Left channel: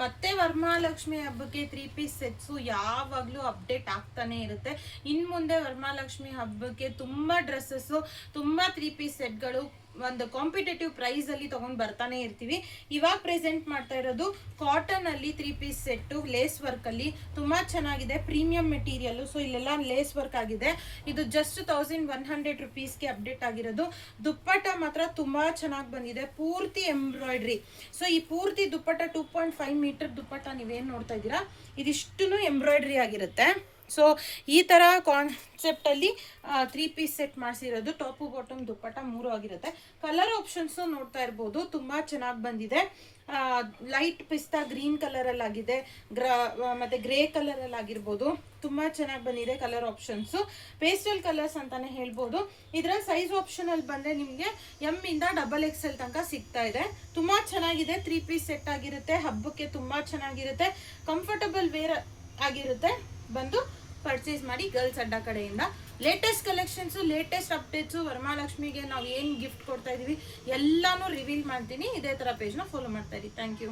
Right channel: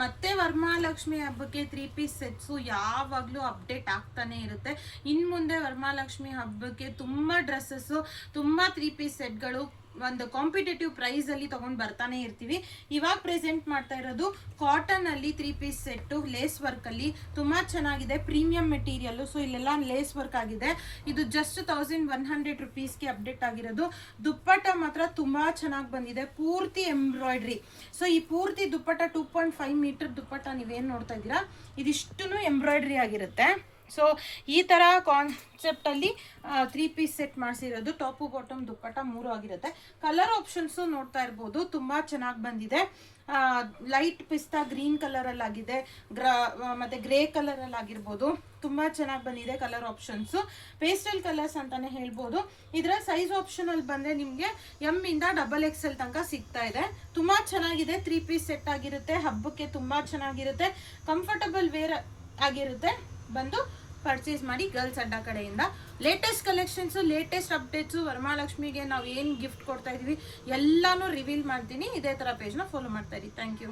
ಮತ್ತೆ ವರಮಹಾಲಕ್ಷ್ಮಿ ಹಬ್ಬಕ್ಕೆ 3 piece sets ಯಾವಾಗಲೂ ಅಪ್ಡೇಟ್ ಆಗ್ತಾನೆ ಇರುತ್ತೆ. ಇನ್ನು ಮುಂದೆ ವರಮಹಾಲಕ್ಷ್ಮಿ ಹಬ್ಬಕ್ಕೆ ತುಂಬ ಡ್ರೆಸ್ಸಸ್ಸು, ತುಂಬ 3 ಪೀಸ್ ಸೆಟ್ಗಳು ಒಂದು ಕಾಂಪಿಟೇಟಿವ್ ಪ್ರೈಸಲ್ಲಿ ತೊಗೊಂಡು ಬರ್ತಾನೆ ಇರ್ತೀವಿ. ಇವಾಗ ಪ್ರೆಸೆಂಟ್ ಮಾಡ್ತಾ ಇರೋದು ಕಾಟನಲ್ಲಿ 3 ಪೀಸ್ ಸೆಟ್ಟು ಲೇಸ್ ವರ್ಕಲ್ಲಿ ತುಂಬ ಚೆನ್ನಾಗಿದೆ, ಪ್ರೀಮಿಯಂ ಮೆಟೀರಿಯಲ್ಲು. ಸೊ ಇಲ್ಲೆಲ್ಲ ಲೇಸ್ ವರ್ಕ್ ಆಗಿದೆ. ಇದು ಜಸ್ಟ್ 1100 ರುಪೀಸ್ಗೆ ಅಪ್ಡೇಟ್ ಆಗಿರೋದು. ದುಪ್ಪಟ್ಟ ಮಾತ್ರ ತುಂಬ ಚೆನ್ನಾಗಿ ಬಂದಿದೆ, ಪೂರ್ತಿ ಎಂಬ್ರಾಯ್ಡ್ರಿ. ಸೊ ಈ ಪೂರ್ತಿ ದುಪ್ಪಟ್ಟ 2.5 ಮೀಟರ್ ದುಪ್ಪಟ್ಟ ನೀವೇನು ನೋಡ್ತಾ ಇದ್ದೀರಾ, ಇದಿಷ್ಟು ಎಂಬ್ರಾಯ್ಡ್ರಿ ಆಗಿರುತ್ತೆ. ಸೊ ಈ ಥರ ಕಾನ್ಸೆಪ್ಟಲ್ಲಿ 3 ಪೀಸ್ ಸೆಟ್ ಮಾಡಿಸಿರೋದು. ಟಾಪು ಬಾಟಮ್ ದುಪ್ಪಟ್ಟ 3 ಆಗಿರುತ್ತೆ. ಕಲರ್ ಆಪ್ಷನ್ಸು ನೋಡ್ತಾ ಇರ್ಬೋದು, ತುಂಬ ಚೆನ್ನಾಗಿ ಬಂದಿದೆ. ಲೈಟ್ ಪಿಸ್ತಾ ಗ್ರೀನ್ ಕಲರಲ್ಲಿ ಆಗಿದೆ, ಮತ್ತು ಗ್ರೇ ಕಲರಲ್ಲಿ ಆಗಿರ್ಬೋದು. ತುಂಬ ಚೆನ್ನಾಗಿ ಬಂದಿದೆ ಕಲರ್ ಆಪ್ಷನ್ಸು. ಪೇಸ್ಟಲ್ ಕಲರ್ಸ್ ಅಂತಲೇ ಹೇಳ್ಬೋದು. ಇದರ ಸೈಜ್ ಆಪ್ಷನಲ್ಲಿ ಬಂದರೆ ನಿಮಗೆ ಎಮ್ ಇಂದ XXL ತನಕ ಸಿಗ್ತಾ ಇದೆ. ತುಂಬ ಚೆನ್ನಾಗಿದೆ, 3 ಪೀಸ್ ಸೆಟ್ ಆಗಿರುತ್ತೆ. ಹಬ್ಬಕ್ಕೆ ತುಂಬ ಚೆನ್ನಾಗಿರುತ್ತೆ, ಕಂಫರ್ಟಬಲ್ ವೇರ್ ಆಗಿರುತ್ತೆ. ಬಂದು ಪರ್ಚೇಸ್ ಮಾಡಿ ಗರ್ಲ್ಸ್ ಅಡ್ಡ ಕಡೆಯಿಂದ. ಲೇಟೆಸ್ಟ್ ಕಲೆಕ್ಷನ್ಸು, ಲೇಟೆಸ್ಟ್ ಅಪ್ಡೇಟ್ಸು, ವರಮಹಾಲಕ್ಷ್ಮಿಗೆ ನಾವು ಏನು ಗಿಫ್ಟ್ ಕೊಡ್ತಾ ಇದ್ದೀವಿ ಎಲ್ಲನೂ ರಿವೀಲ್ ಮಾಡ್ತೀನಿ. ಇದೇ ಥರ ಪೇಜ್ನ ಫಾಲೋ ಮಾಡ್ತಾ ಇರಿ. Thank you.